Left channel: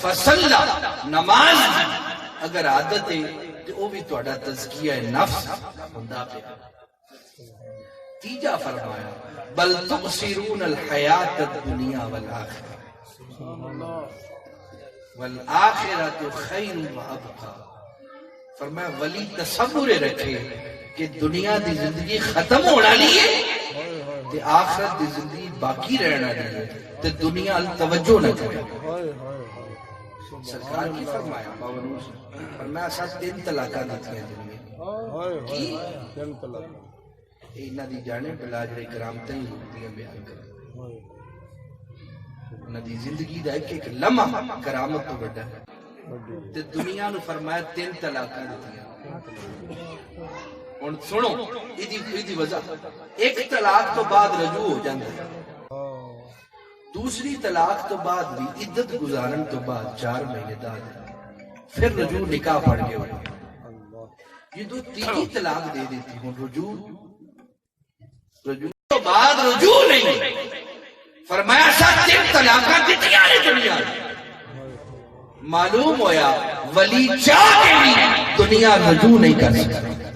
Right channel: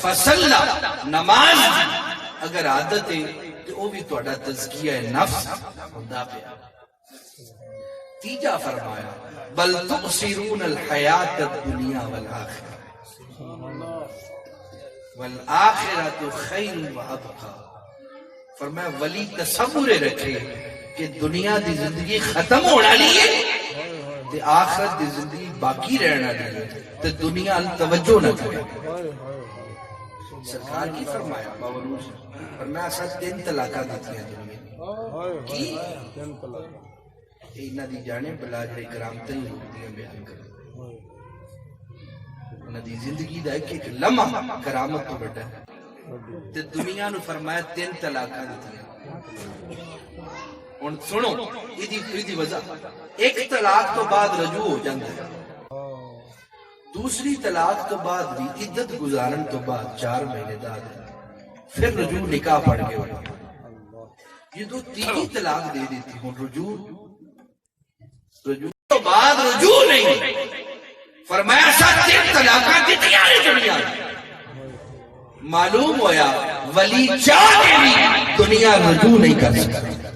فصلہ نماز اگر عادت ہے تو وہ بھی تہاڈا تزکیہ نفس ہوندا پیا. تیجا فرمایا بل تؤثرون الحیات الدنیا والآخرہ والآخرۃ خیر وابقی. فرمایا ولی تصور رکھے کہ دنیا دی زندگی ختم ہونے والی ہے تے آخرت دی زندگی باقی رہنا ہے تے دنیا ال توجہ نہ کرے. سرکار کی فرمایا باونور فرمایا اساں 3 طلاقاں دتیاں دنیا کی انہاں دی جانے بلا جڑے کرامتیں ہوندیاں بیان کر انہاں دی زندگی دا ایک لمحہ کرامت تو بڑا تے دنیا نو فرمایا 3 طلاقاں دتیاں. ہن سنو ایدی وجہ ایک طلاق تو بعد رجوع ہو جاندا ہے, دوسری طلاق تو بعد بھی عدت گزارن تو بعد 4 مہینے بعد پھر رجوع نکاح پڑھ کے ہونا. یہ تو تیسری طلاق دے دیتی ہوں رجوع تو بعد رجوع نہیں. فرمایا 3 طلاقاں دتیاں نے دنیا. معلوم ہویا ولی چاہ کے بھی دنیا رجوع نہیں کر سکتی.